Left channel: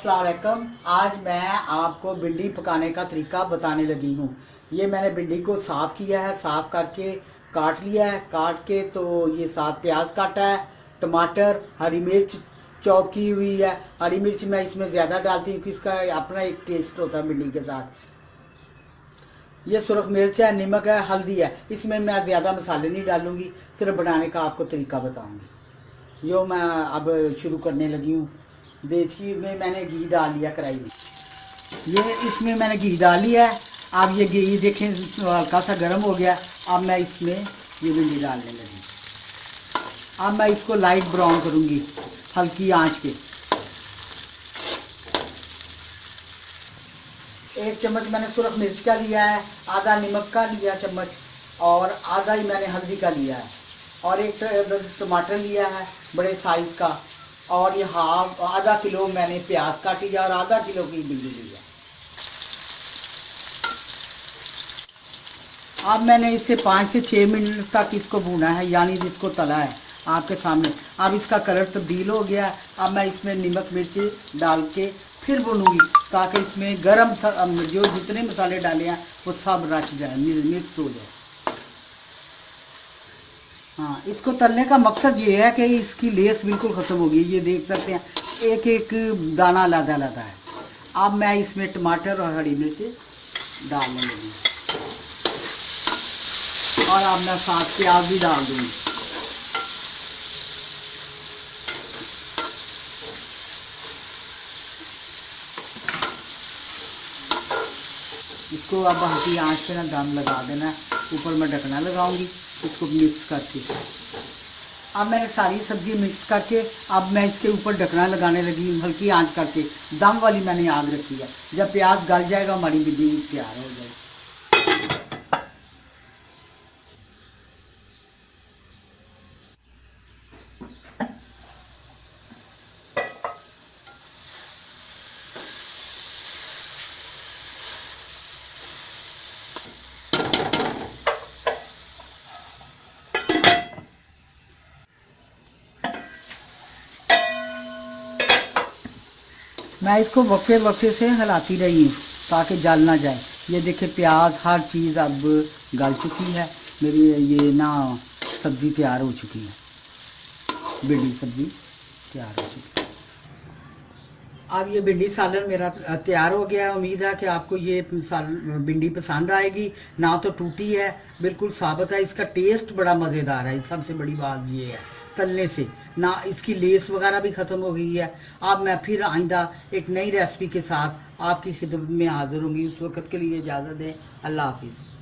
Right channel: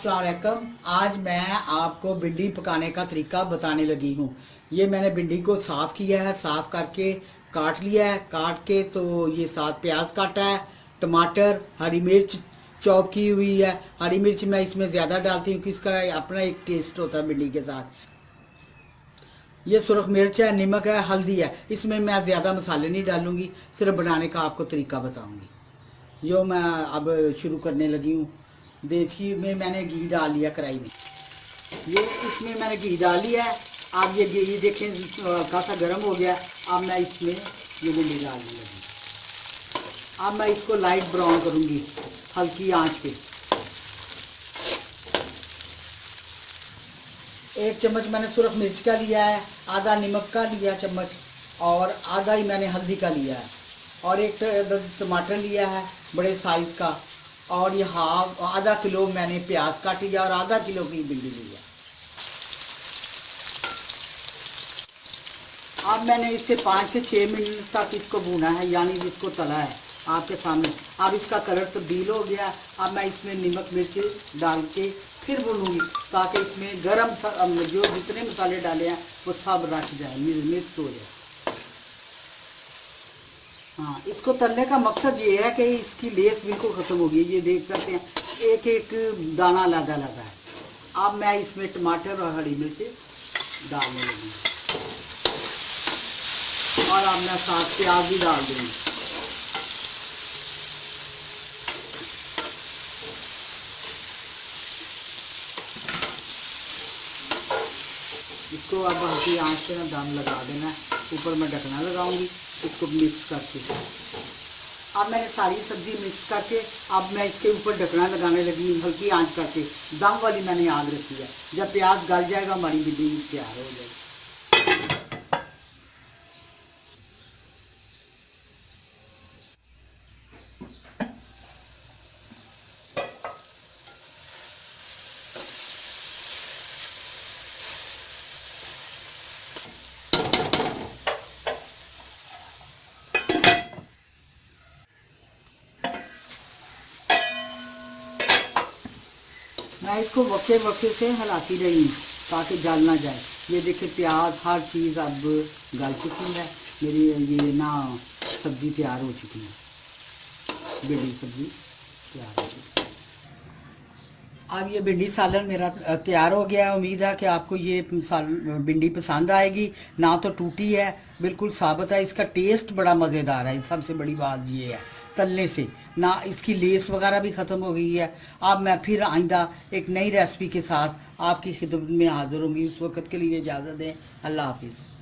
अस्सलाम वालेकुम। आज मैं आपको भिंडी पकाने का तरीका बताने लगी हूँ। ये मैंने भिंडी को साफ़ किया है, साफ़ करके काट लिया है। काट के तो ये 7 प्याज काटा है, टमाटर, हरी मिर्च चॉप की हुई है। हरी मिर्च मैं इसमें ज़्यादा डालती हूँ कि इसका अपना एक टेस्ट होता है भिंडी के साथ। ये सुरख मिर्च है, नमक है, हल्दी है। इसमें मैं ज़्यादा मसाले नहीं डालूँगी, सिर्फ बनाने का आपको तरीका बताऊँगी। यो मैं अब शुरू करने लगी हूँ। देसी में मैंने घी डाल लिया कढ़ाई में। ये इसमें मैंने घी डाल लिया है। अब ये घी देखें हल्का सा गर्म हो गया। अब मैं इसमें ये भिंडी डालने लगी। अब मैं इसको लाइट ब्राउन करूँगी हल्की आंच पे। 1 चम्मच मैंने सुरख मिर्च का लिया है, आधा नमक का लिया चम्मच, और आधा ही मैंने हल्दी का लिया है, और एक टमाटर लिया है बड़े साइज़ का, और ये आधा किलो मैंने प्याज काटी है और आधा किलो की भिंडी ली है। अब मैंने इसे 5 से 6 मिनट तक इसको भूना है, यानी जिसको तला है आपके सामने। अब इसका कलर तब्दील हो गया। अब मैं इसमें नमक मिर्च डाल के फिर भूनूंगी, ताकि इसमें गरम जो जितने मसाले डाले हैं वो सब रच जाए, मिक्स हो जाए। हाँ, इसको तलने का मकसद ये है कि इसकी लेस बिल्कुल ख़त्म हो गई। ये देख सकते हैं एक एक दाना अलग अलग है। अब मैं इसमें टमाटर और हरी मिर्च डालने लगी, और अब मैं साथ प्याज भी डाल दूँगी। इसको अब हल्की आंच पे ना दम लगा देना है। ऊपर मैं ढकना लगाऊंगी इसको मिक्स करके। अब मैंने सारी सब्ज़ी मिक्स करके अब मैं इसके ऊपर ढकना लगाने लगी हल्की आंच करके। दम वाली मैंने आग रखी है। जब प्याज गल जाएगा हमारी भिंडी तैयार हो जाएगी। मैं इसको वक्फे वक्फे से हिलाती रही हूँ ताकि जल ना जाए। ये देखिए प्याज हर चीज़ अब गल चुकी है मेरी। ये ना सब्ज़ी तैयार हो चुकी है, भिंडी सब्ज़ी तैयार हो चुकी है। अब ये भिंडी सालन मेरा तैयार हो गया है। उम्मीद है कि आपको ये भिंडी पसंद आएगी। ना तो टूटी है, बिल्कुल साबुत है। इसका टेस्ट बड़ा मज़ेदार है। सबसे बड़ी बात ये है तलने से ना इसकी लेस वगैरह भी ख़त्म हो गई है। अब मैं फिर आइंदा एक नई रेसिपी के साथ आपकी खिदमत में हाज़िर होंगी। उस वक्त के लिए इजाज़त दें। अल्लाह हाफिज़।